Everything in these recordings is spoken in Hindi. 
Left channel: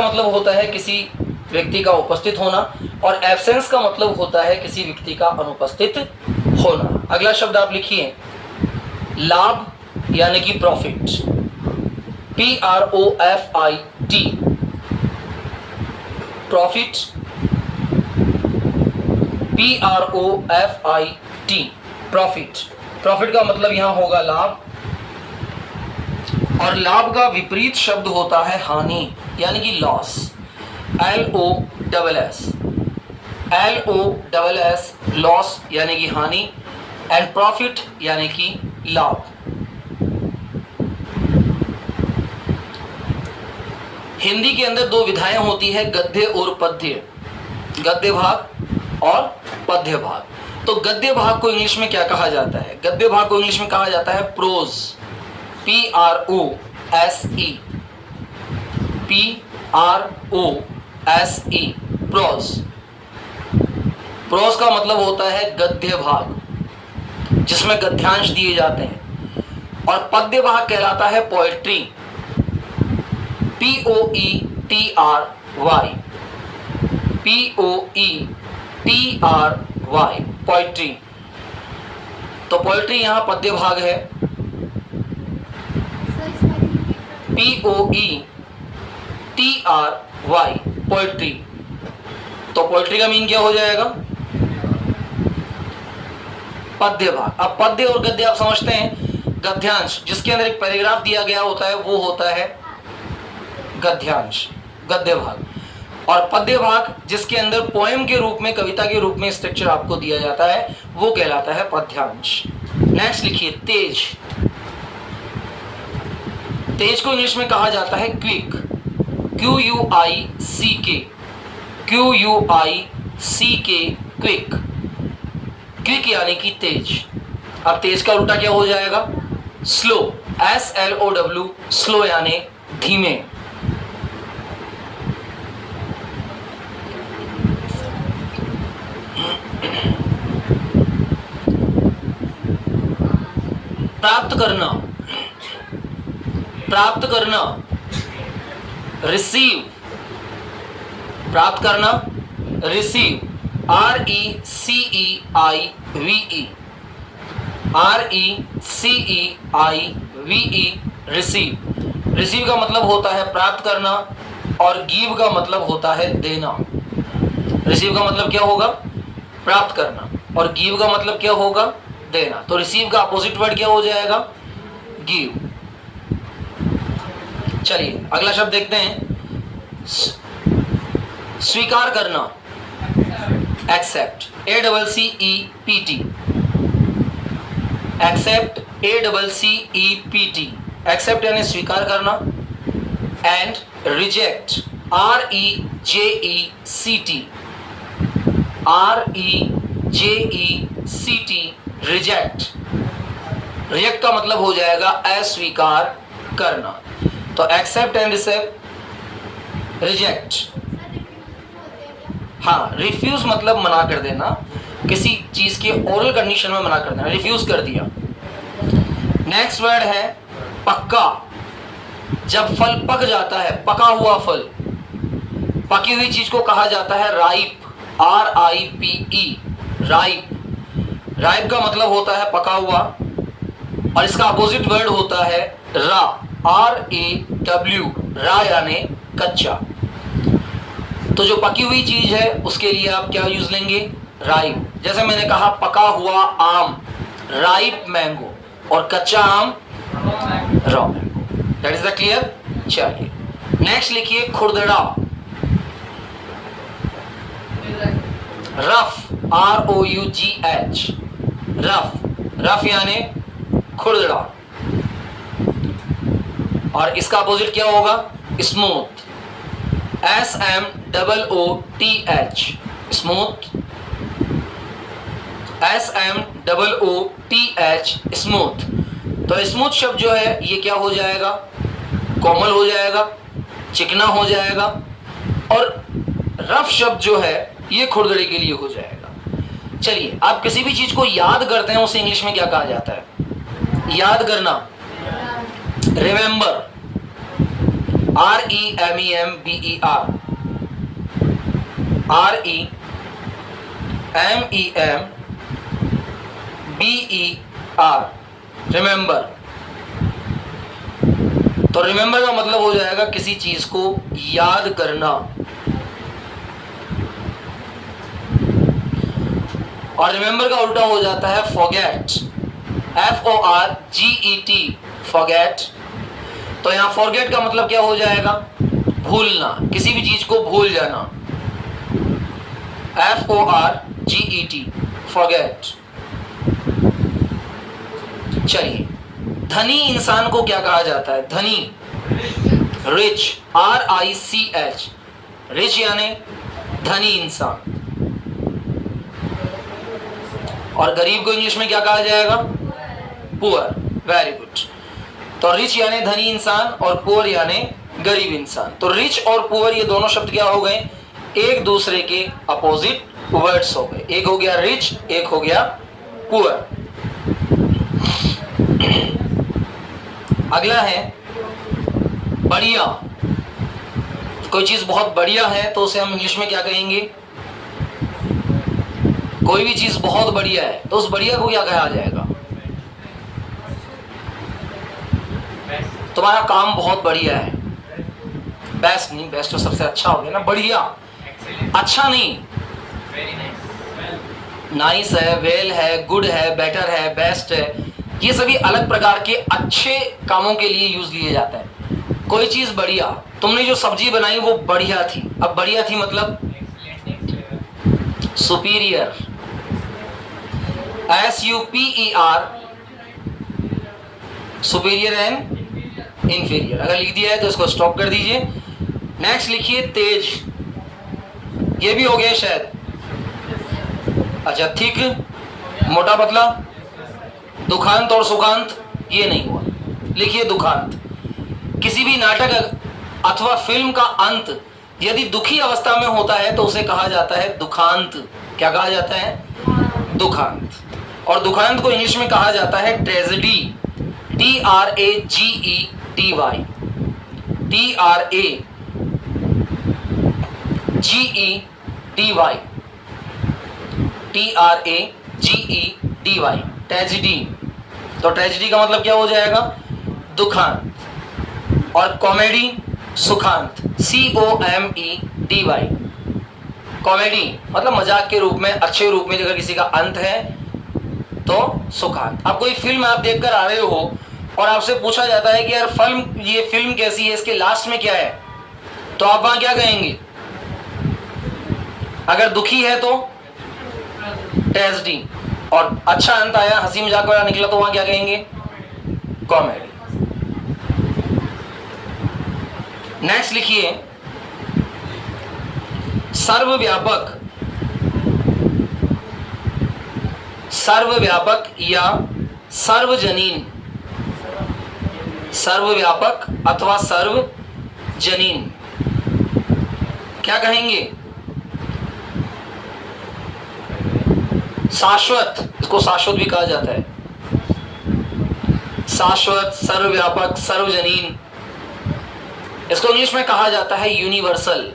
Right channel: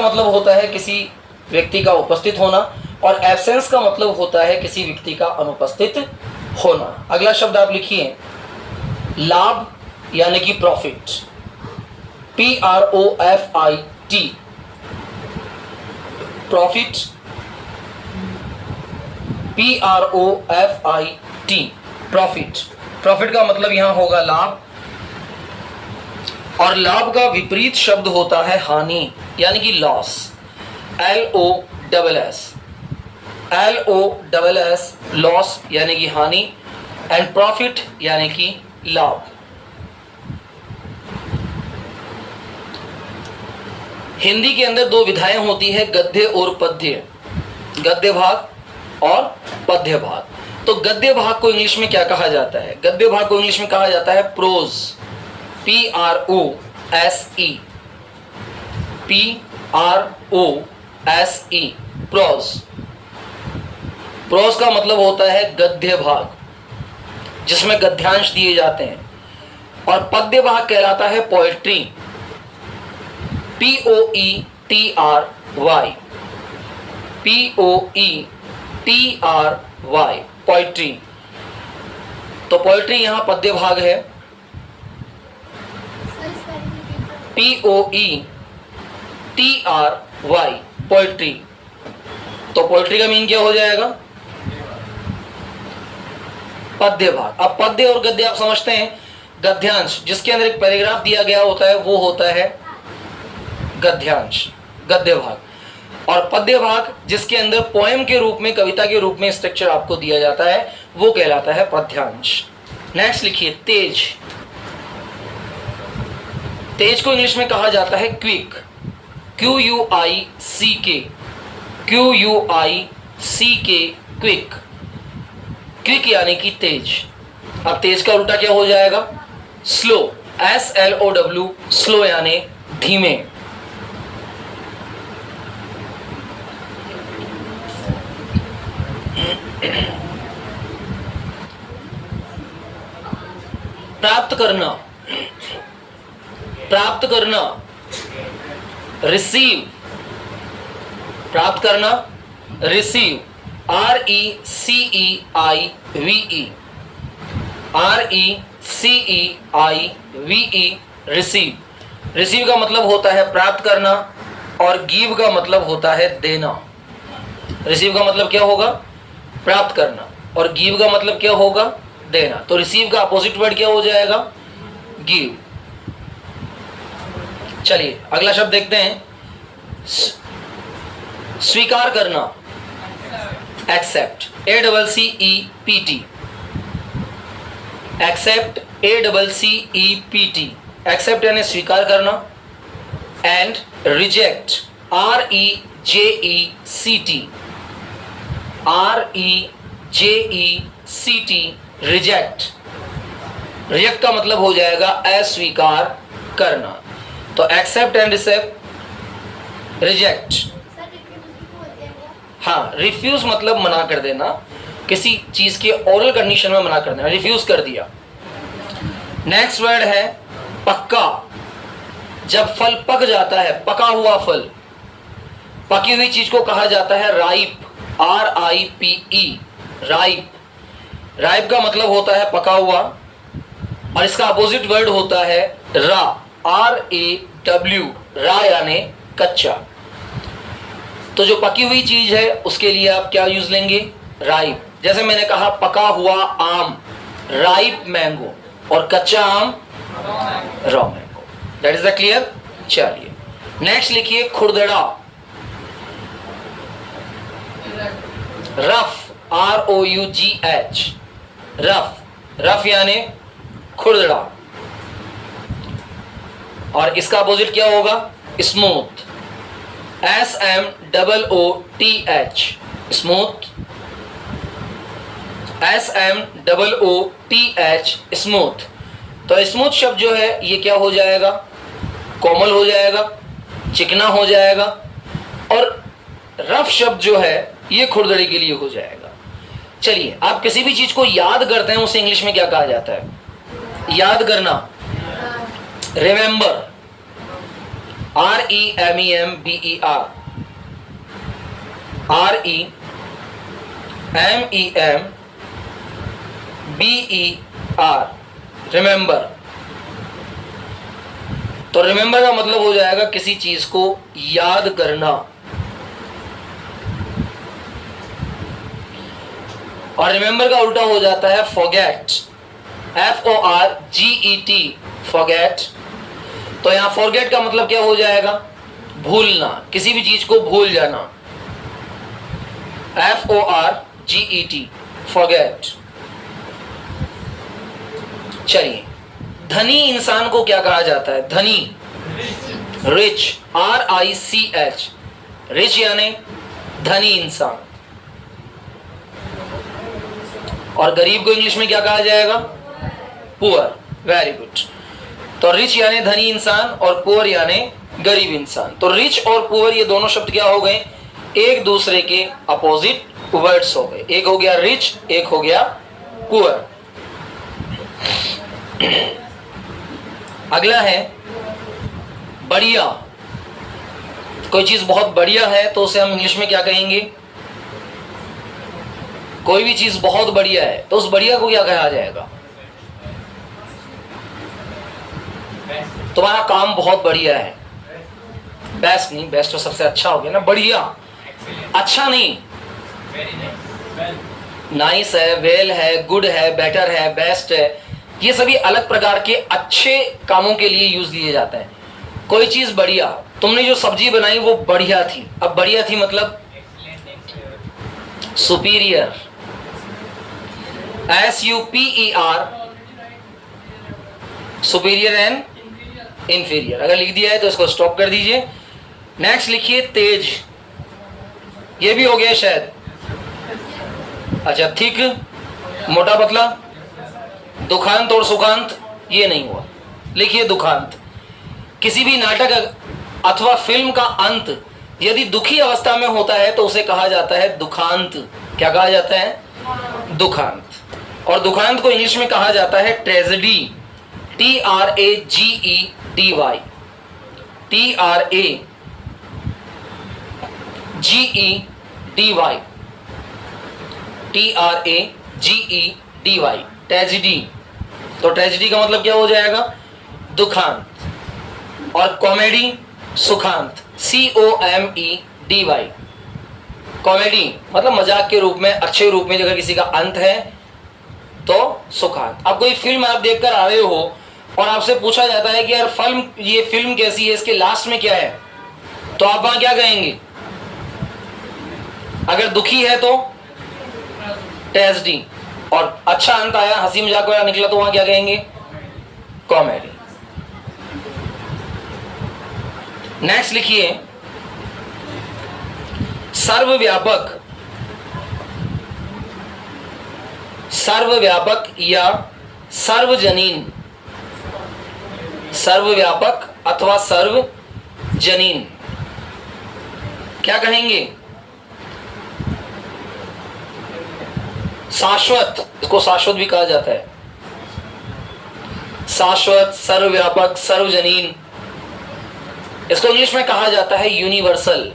मतलब होता है किसी व्यक्ति का उपस्थित होना और एब्सेंस का मतलब होता है किसी व्यक्ति का अनुपस्थित होना। अगला शब्द आप लिखिए लाभ यानी कि profit, PROFIT, profit, PROFIT, profit. Profit का मतलब यहां होगा लाभ, और लाभ का विपरीत शब्द होता है हानि यानी कि लॉस, LOSS, लॉस यानी कि हानि, एंड प्रॉफिट यानी कि लाभ। हिंदी के अंदर दो विधाएं होती है, गद्य और पद्य, गद्य भाग और पद्य भाग। तो गद्य भाग को इंग्लिश में क्या कहा जाता है? गद्य भाग को इंग्लिश में कहा जाता है prose, PROSE, PROSE, prose. Prose का मतलब होता है गद्य भाग जिसमें गद्यांश दिए जाते हैं, और पद्य भाग कहलाता है पोएट्री, POETRY, POETRY, पोएट्री। तो पोएट्री यहां पद्य भाग है, POETRY, पोएट्री। तो पोएट्री का मीन क्या हो जाएगा? पद्य भाग। अब पद्य और गद्य आप समझते हैं, गद्यांश जिसके अंदर एक पैराग्राफ दिया गया होता है वो होता है गद्यांश, गद्य भाग, और पद्य भाग जिसके अंदर पोएम के रूप में, कविता के रूप में स्ट्रक्चर आपको दिया जाता है वो कहलाता है पद्यांश। नेक्स्ट लिखिए तेज। तेज को इंग्लिश में कहा जाता है क्विक, QUICK, क्विक। क्विक यानी कि तेज। अब तेज का उल्टा क्या हो जाएगा? स्लो, SLOW, स्लो यानी धीमे। प्राप्त करना, प्राप्त करना, रिसीव, प्राप्त करना, receive, RECEIVE, RECEIVE, receive. Receive का मतलब होता है प्राप्त करना, और गिव का मतलब होता है देना। रिसीव का मतलब क्या होगा? प्राप्त करना, और गिव का मतलब क्या होगा? देना। तो रिसीव का अपोजिट वर्ड क्या हो जाएगा? गिव। चलिए अगला शब्द देखते हैं, स्वीकार करना, accept, ACCEPT, accept, ACCEPT, accept यानी स्वीकार करना, and reject, REJECT, reject. Reject का मतलब हो जाएगा अस्वीकार करना। तो एक्सेप्ट एंड रिजेक्ट। हाँ, रिफ्यूज मतलब मना कर देना, किसी चीज के ओरल कंडीशन में मना कर देना, रिफ्यूज कर दिया। नेक्स्ट वर्ड है पक्का। जब फल पक जाता है, पका हुआ फल, पकी हुई चीज को कहा जाता है राइप, RIPE, राइप। राइप का मतलब होता है पका हुआ, और इसका अपोजिट वर्ड होता है रा, RAW, रा यानी कच्चा। तो जो पकी हुई चीज है उसके लिए आप क्या यूज लेंगे? राइप। जैसे मैंने कहा पका हुआ आम, राइप मैंगो, और कच्चा आम raw mango. That is the clear. चलिए नेक्स्ट लिखिए खुरदड़ा, रफ, ROUGH, रफ। रफ यानी खुरदड़ा, और इसका अपोजिट क्या होगा? Smooth, SMOOTH, smooth, SMOOTH, smooth. तो स्मूथ शब्द जो है ये क्या हो जाएगा? कोमल हो जाएगा, चिकना हो जाएगा, और रफ शब्द जो है ये खुरदड़े के लिए हो जाएगा। चलिए आप किसी भी चीज को याद करते हैं उसे इंग्लिश में क्या कहा जाता है? याद करना, रिमेंबर, REMEMBER, REMEMBER, रिमेंबर। तो रिमेंबर का मतलब हो जाएगा किसी चीज को याद करना, और रिमेंबर का उल्टा हो जाता है फॉरगेट, FORGET, फॉरगेट। तो यहां फॉरगेट का मतलब क्या हो जाएगा? भूलना, किसी भी चीज को भूल जाना, FORGET, फॉरगेट। चलिए, धनी इंसान को क्या कहा जाता है? धनी, रिच, RICH, रिच यानी धनी इंसान। और गरीब को इंग्लिश में क्या कहा जाएगा? पुअर। Very good. तो रिच यानी धनी इंसान और पुअर यानी गरीब इंसान। तो रिच और पुअर ये दोनों शब्द क्या हो गए? एक दूसरे के अपोजिट वर्ड्स हो गए। एक हो गया रिच, एक हो गया पुअर। अगला है बढ़िया। कोई चीज बहुत बढ़िया है तो उसे हम इंग्लिश में क्या कहेंगे? कोई भी चीज बहुत बढ़िया है तो उस बढ़िया को क्या कहा जाएगा? तुम्हारा काम बहुत बढ़िया है। बेस्ट नहीं, बेस्ट तो सबसे अच्छा हो गया ना। बढ़िया, अच्छा नहीं, नाइस है, वेल है, गुड है, बेटर है, बेस्ट है। ये सभी अलग प्रकार के अच्छे कामों के लिए यूज लिए जाता है। कोई चीज बढ़िया, तुमने जो सब्जी बनाई वो बढ़िया थी। अब बढ़िया थी मतलब superior, SUPER, superior and inferior. अगर लिख दिया है तो इसको स्टॉप कर दीजिए। नेक्स्ट लिखिए तेज। ये भी हो गया शायद। अच्छा, थिक, मोटा पतला। दुखांत और सुखांत ये नहीं हुआ। लिखिए दुखांत। किसी भी नाटक अथवा फिल्म का अंत यदि दुखी अवस्था में होता है तो उसे कहा जाता है दुखांत। क्या कहा जाता है? दुखांत। और दुखांत को इंग्लिश में कहा जाता है ट्रेजेडी, TRAGEDY, TRAGEDY, ट्रेजेडी। तो ट्रेजेडी का मतलब क्या हो जाएगा? दुखांत। और कॉमेडी, सुखांत, COMEDY। कॉमेडी मतलब मजाक के रूप में, अच्छे रूप में अगर किसी का अंत है तो सुखांत। अब कोई फिल्म आप देखकर आ रहे हो और आपसे पूछा जाता है कि यार ये फिल्म कैसी है, इसके लास्ट में क्या है, तो आप वहां क्या कहेंगे? अगर दुखी है तो ट्रेजेडी, और अच्छा अंत आया, हंसी मजाक वाला निकला तो वहां क्या कहेंगे? कॉमेडी। नेक्स्ट लिखिए सर्वव्यापक। सर्वव्यापक या सर्वजनीन। सर्वव्यापक अथवा सर्वजनीन क्या कहेंगे? शाश्वत, इसको शाश्वत भी कहा जाता है। शाश्वत, सर्वव्यापक, सर्वजनीन। इसको इंग्लिश में कहा जाता है यूनिवर्सल।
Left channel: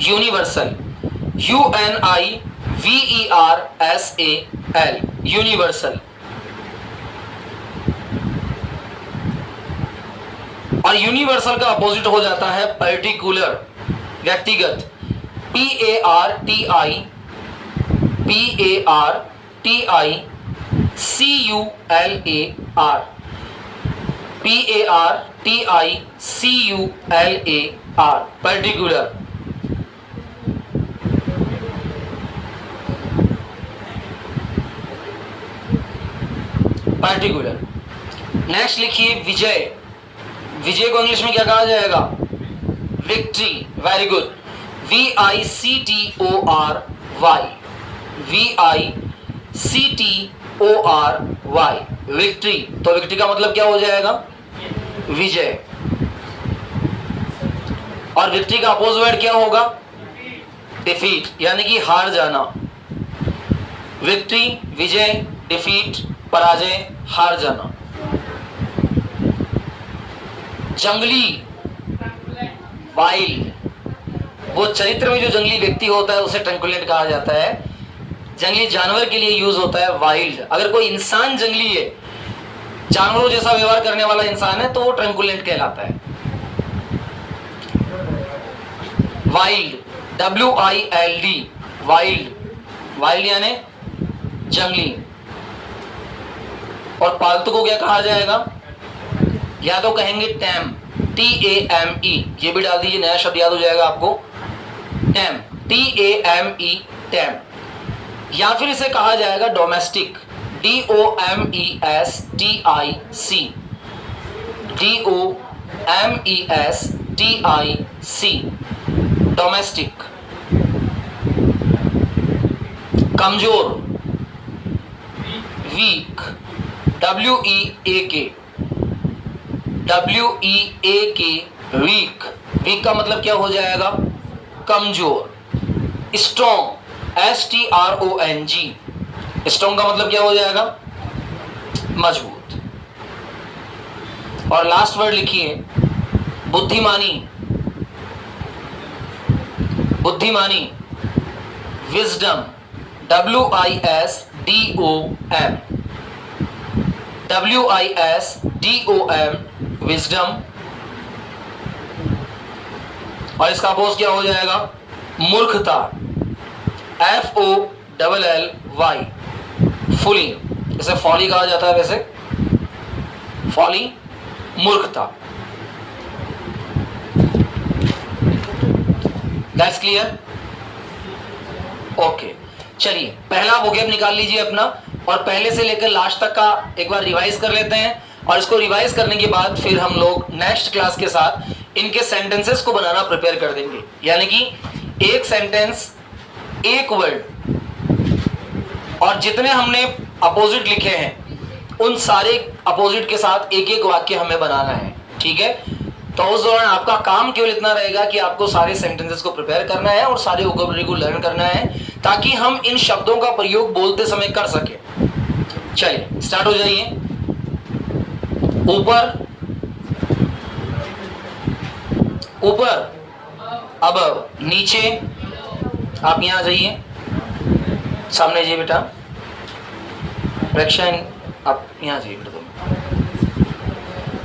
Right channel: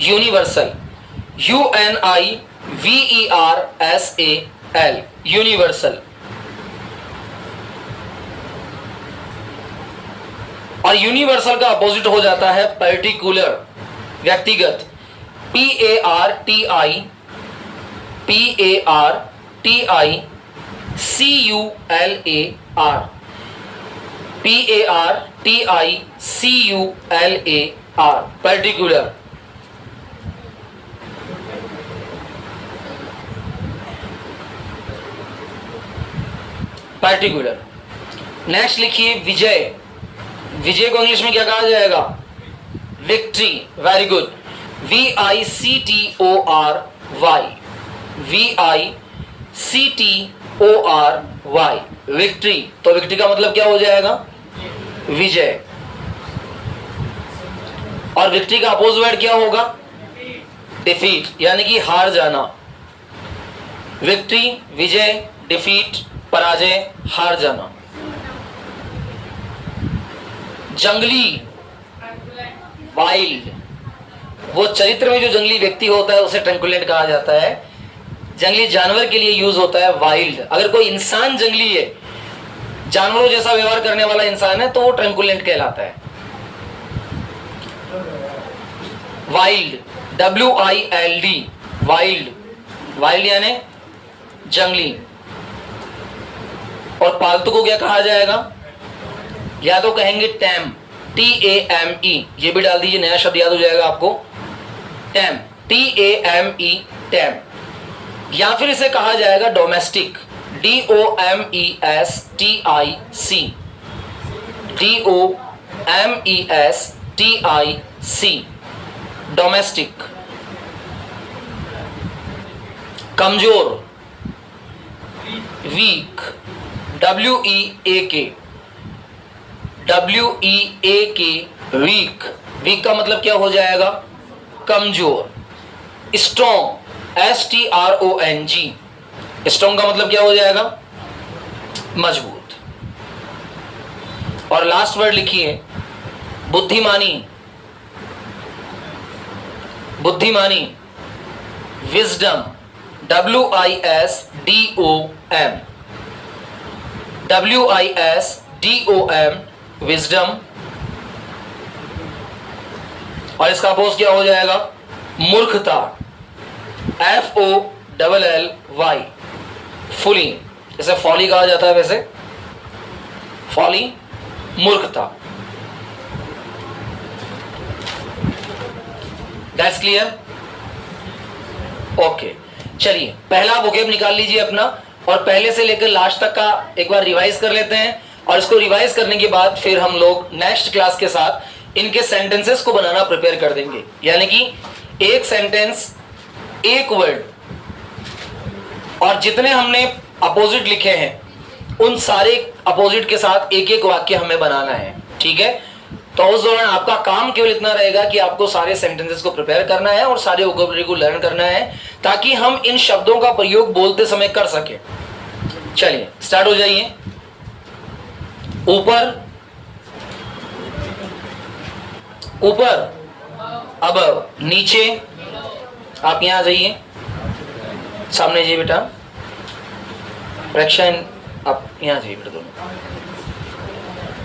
Universal, UNIVERSAL, universal. और यूनिवर्सल का अपोजिट हो जाता है पर्टिकुलर, व्यक्तिगत, PARTICULAR, पर्टिकुलर। पर्टिकुलर। नेक्स्ट लिखिए विजय। विजय को इंग्लिश में क्या कहा जाएगा? Victory. Very good. VICTORY, VICTORY, victory. तो विक्ट्री का मतलब क्या हो जाएगा? विजय। और विक्ट्री का अपोजिट वर्ड क्या होगा? डिफीट, यानी कि हार जाना। विक्ट्री, विजय, डिफीट, पराजय, हार जाना। जंगली, वाइल्ड। वो चरित्र में जो जंगली व्यक्ति होता है उसे ट्रंकुलेंट कहा जाता है। जंगली जानवर के लिए यूज होता है वाइल्ड। अगर कोई इंसान जंगली है, जानवरों जैसा व्यवहार करने वाला इंसान है, तो वो ट्रंकुलेंट कहलाता है। वाइल्ड, WILD, वाइल्ड, वाइल्ड यानी जंगली। और पालतू को क्या कहा जाएगा? या तो कहेंगे टैम, TAME, ये भी डाल दीजिए, नया शब्द याद हो जाएगा आपको, टैम, TAME, टैम। या फिर इसे कहा जाएगा डोमेस्टिक, DOMESTIC, डोमेस्टिक। कमजोर, वीक, WEAK, वीक। वीक का मतलब क्या हो जाएगा? कमजोर। स्ट्रॉन्ग, STRONG, स्ट्रॉन्ग का मतलब क्या हो जाएगा? मजबूत। और लास्ट वर्ड लिखिए, बुद्धिमानी, बुद्धिमानी, विजडम, WISDOM, विजडम। और इसका अपोज क्या हो जाएगा? मूर्खता, FOLLY, फुली। जैसे फॉली कहा जाता है वैसे फॉली, मूर्खता। That's clear? ओके, चलिए पहला वोकैब निकाल लीजिए अपना, और पहले से लेकर लास्ट तक का एक बार रिवाइज कर लेते हैं। और इसको रिवाइज करने के बाद फिर हम लोग नेक्स्ट क्लास के साथ इनके सेंटेंसेस को बनाना प्रिपेयर कर देंगे। यानी कि एक सेंटेंस, एक वर्ड, और जितने हमने अपोजिट लिखे हैं उन सारे अपोजिट के साथ एक एक वाक्य हमें बनाना है। ठीक है? तो उस दौरान आपका काम केवल इतना रहेगा कि आपको सारे सेंटेंसेस को प्रिपेयर करना है और सारे वोकैबुलरी को लर्न करना है, ताकि हम इन शब्दों का प्रयोग बोलते समय कर सके। चलिए स्टार्ट हो जाइए। ऊपर, ऊपर, अबव, नीचे। आप यहां आ जाइए, सामने जाइए बेटा। प्रेक्षण, आप यहां जाइए बेटा दोनों,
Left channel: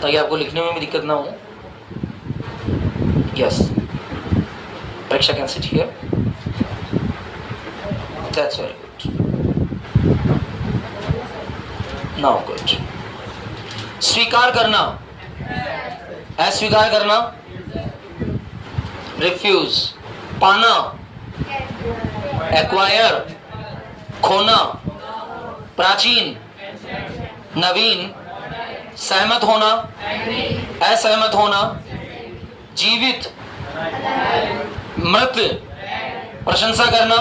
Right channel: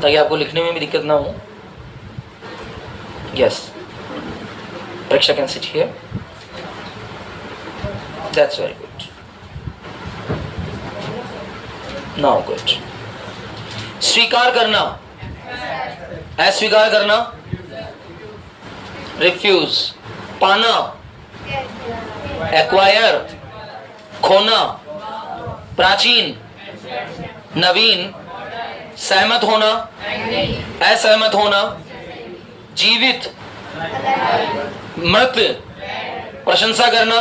ताकि आपको लिखने में भी दिक्कत ना हो। Yes, Preksha can sit here. That's very good. Now good. स्वीकार करना, अस्वीकार करना, रिफ्यूज। पाना, एक्वायर, खोना। प्राचीन, नवीन। सहमत होना, असहमत होना। जीवित, मृत। प्रशंसा करना,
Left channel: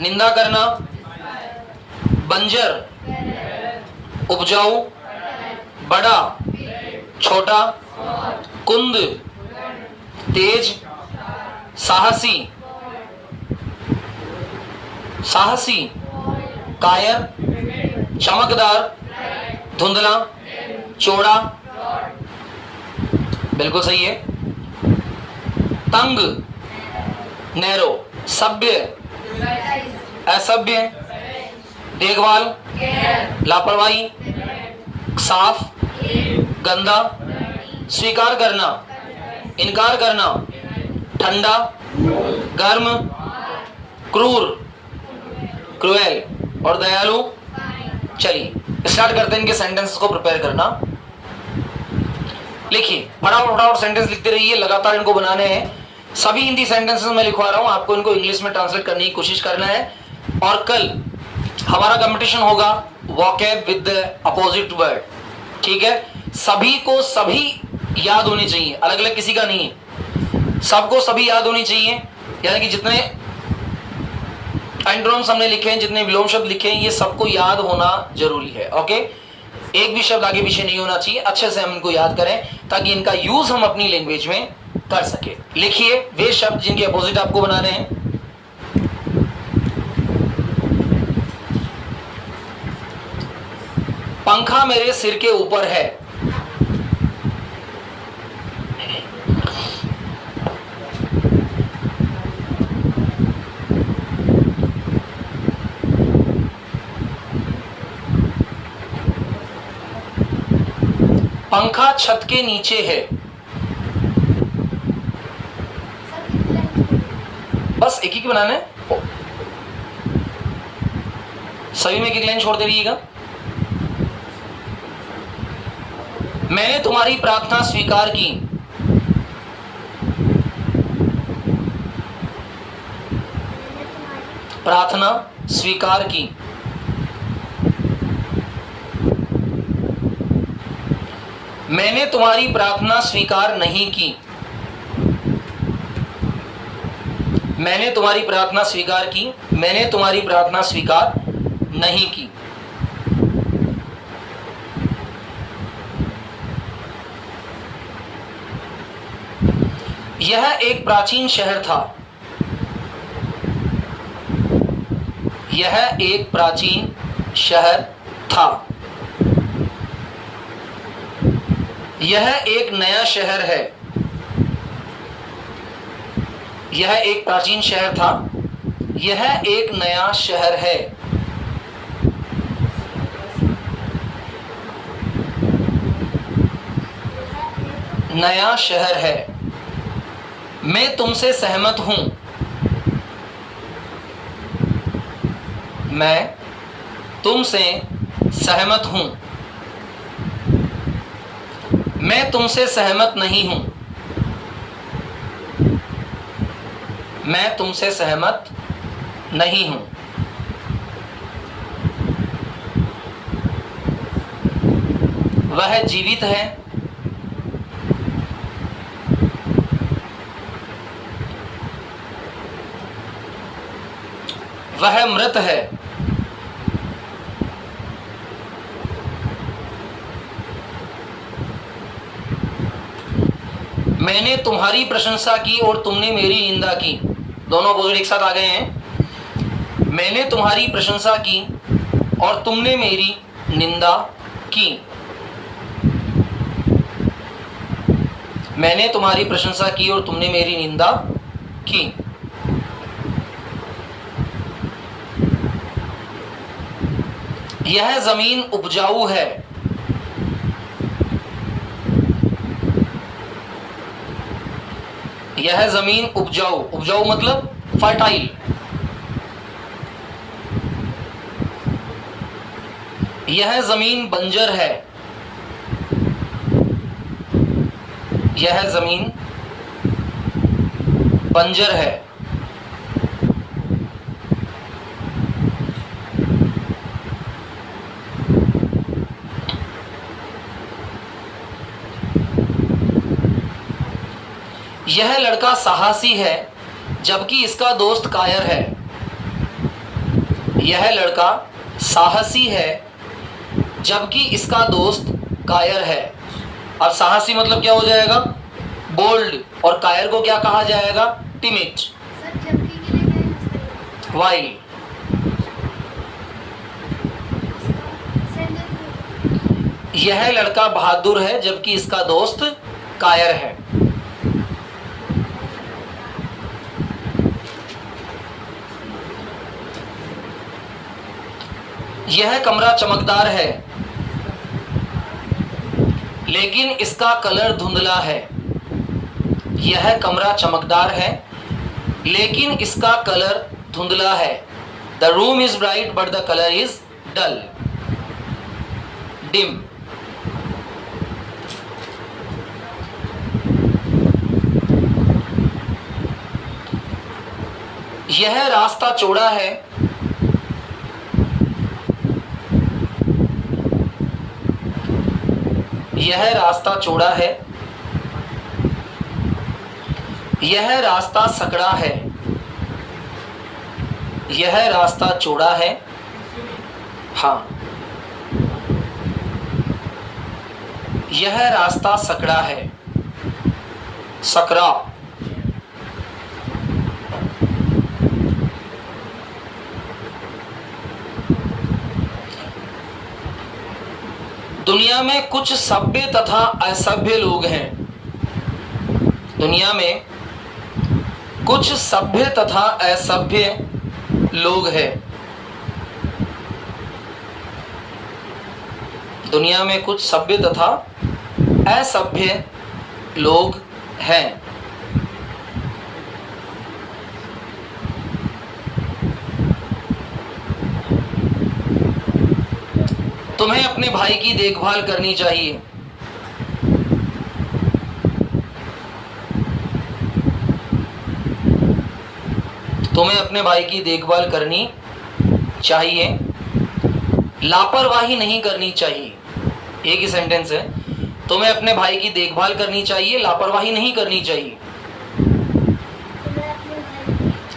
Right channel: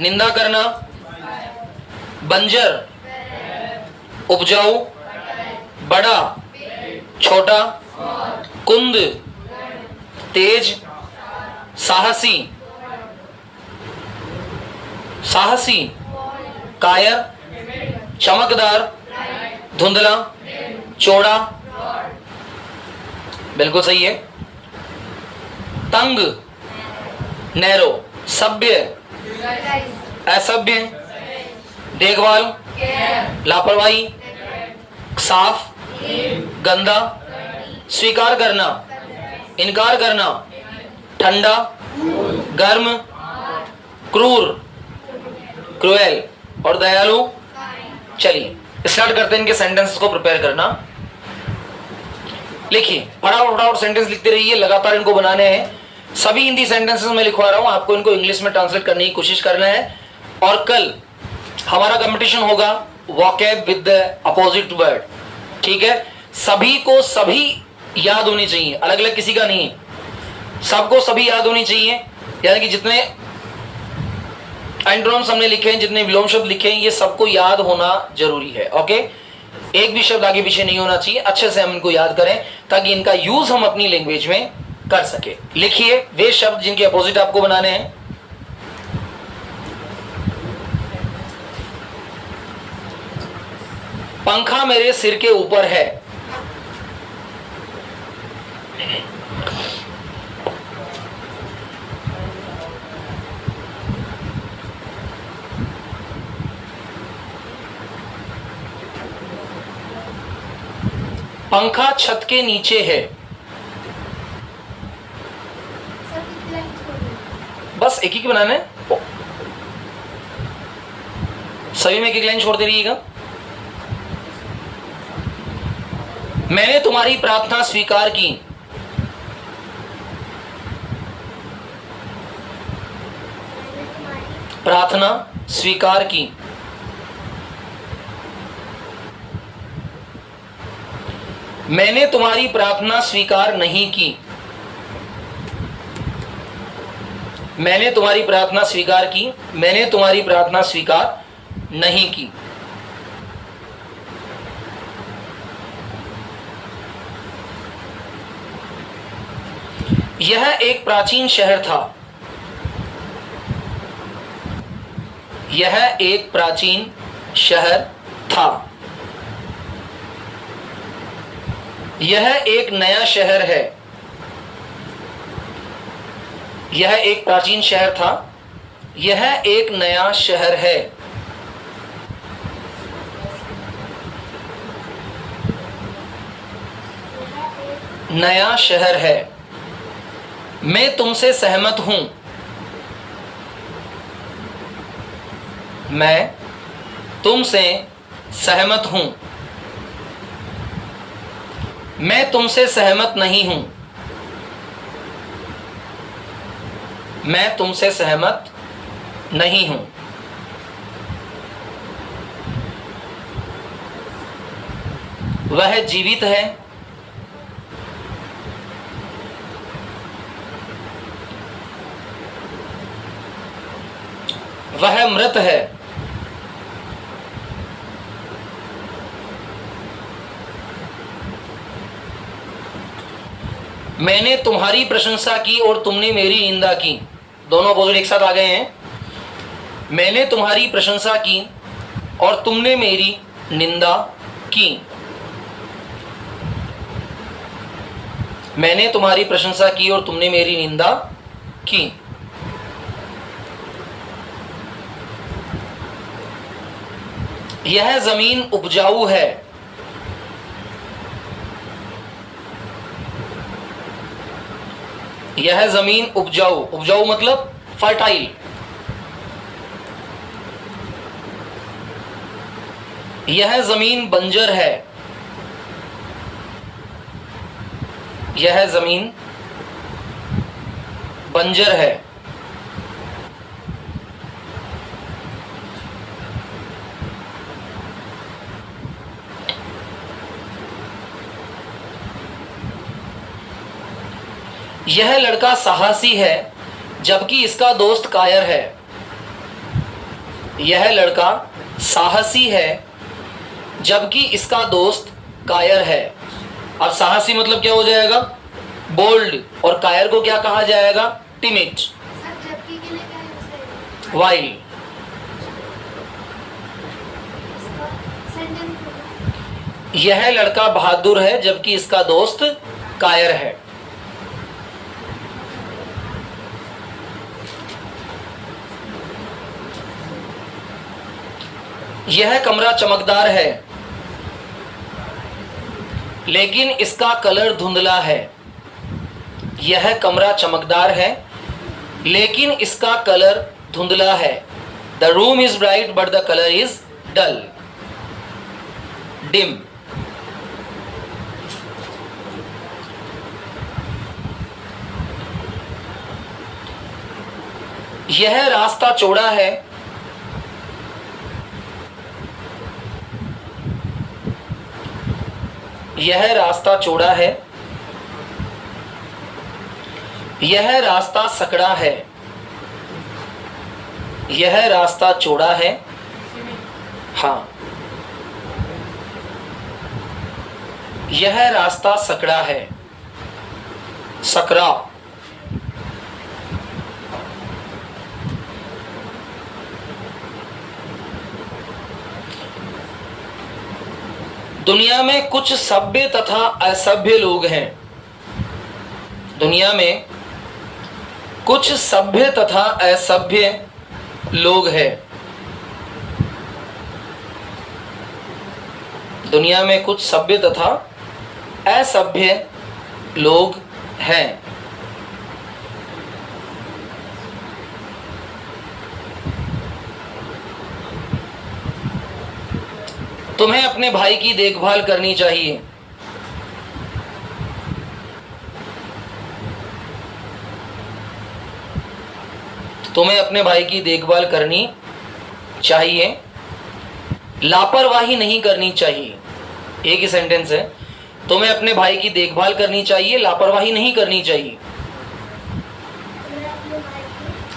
निंदा करना। बंजर, उपजाऊ। बड़ा, छोटा। कुंद, तेज। साहसी, साहसी। कायर, चमकदार। धुंधला, चौड़ा। बिल्कुल सही है। तंग, नैरो। सभ्य, असभ्य। देखभाल, लापरवाही। साफ, गंदा। स्वीकार करना, इनकार करना। ठंडा, गर्म। क्रूर, क्रूएल। और दयालु। चलिए स्टार्ट करते हैं इनके सेंटेंस को प्रिपेयर करना। लिखिए, फटाफट फटाफट सेंटेंस लिखते रहिए, लगातार इनको बनाने हैं। सभी हिंदी सेंटेंसेस मैं लिखवा रहा हूं, आपको इनको इंग्लिश में ट्रांसलेट करने की कोशिश करना है। और कल हमारा कंपटीशन होगा vocab with the opposite word. ठीक है? सभी को सभी याद होनी चाहिए, अलग अलग किसी का नहीं है, सबको सभी याद होनी चाहिए। यानी कि जितने एंटोनिम्स हमने लिखे हैं, जितने विलोम शब्द लिखे हैं, ये सबको याद होना जरूरी है। ओके? एक भी शब्द आगे पीछे नहीं होना चाहिए। अच्छे से हम इनको याद करें ताकि इनका यूज हम अपनी लैंग्वेज में कर सके। लिखिए वे शब्द जिनके अपोजिट आपको बनाने हैं। पंखा मेरे सिर के ऊपर है। पंखा छत के नीचे है। बस एक ही के बनाने, सभी में एक एक लाइन छोड़ दे रहिएगा। मैंने तुम्हारी प्रार्थना स्वीकार की। प्रार्थना स्वीकार की। मैंने तुम्हारी प्रार्थना स्वीकार नहीं की। मैंने तुम्हारी प्रार्थना स्वीकार की। मैंने तुम्हारी प्रार्थना स्वीकार नहीं की। यह एक प्राचीन शहर था। यह एक प्राचीन शहर था। यह एक नया शहर है। यह एक प्राचीन शहर था। यह एक नया शहर है। नया शहर है। मैं तुमसे सहमत हूं। मैं तुमसे सहमत हूं। मैं तुमसे सहमत नहीं हूं। मैं तुमसे सहमत नहीं हूं। वह जीवित है। वह मृत है। मैंने तुम्हारी प्रशंसा की और तुमने मेरी निंदा की। दोनों अपोजिट एक साथ आ गए हैं। मैंने तुम्हारी प्रशंसा की और तुमने मेरी निंदा की। मैंने तुम्हारी प्रशंसा की और तुमने मेरी निंदा की। यह जमीन उपजाऊ है। यह जमीन उपजाऊ, उपजाऊ मतलब फर्टाइल। यह जमीन बंजर है। यह जमीन बंजर है। यह लड़का साहसी है जबकि इसका दोस्त कायर है। यह लड़का साहसी है जबकि इसका दोस्त कायर है। अब साहसी मतलब क्या हो जाएगा? बोल्ड। और कायर को क्या कहा जाएगा? टिमिड। वाइल। यह लड़का बहादुर है जबकि इसका दोस्त कायर है। यह कमरा चमकदार है लेकिन इसका कलर धुंधला है। यह कमरा चमकदार है लेकिन इसका कलर धुंधला है। The room is bright but the colour is dull, dim. यह रास्ता चौड़ा है। यह रास्ता चौड़ा है। यह रास्ता सकड़ा है। यह रास्ता चौड़ा है। हाँ, यह रास्ता सकड़ा है। सकरा। दुनिया में कुछ सभ्य तथा असभ्य लोग हैं। दुनिया में कुछ सभ्य तथा असभ्य लोग हैं। दुनिया में कुछ सभ्य तथा असभ्य लोग हैं। तुम्हें अपने भाई की देखभाल करनी चाहिए। तुम्हें अपने भाई की देखभाल करनी चाहिए, लापरवाही नहीं करनी चाहिए। एक ही सेंटेंस है। तुम्हें अपने भाई की देखभाल करनी चाहिए, लापरवाही नहीं करनी चाहिए।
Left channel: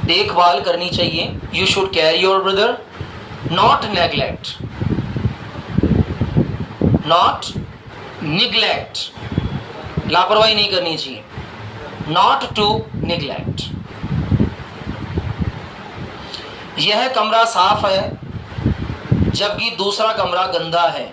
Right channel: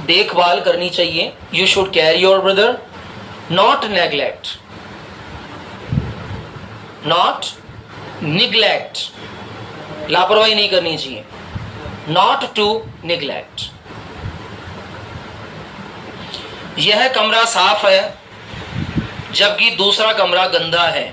देखभाल करनी चाहिए। You should care your brother, not neglect, not neglect. लापरवाही नहीं करनी चाहिए, नॉट टू निग्लेक्ट। यह कमरा साफ है जबकि दूसरा कमरा गंदा है।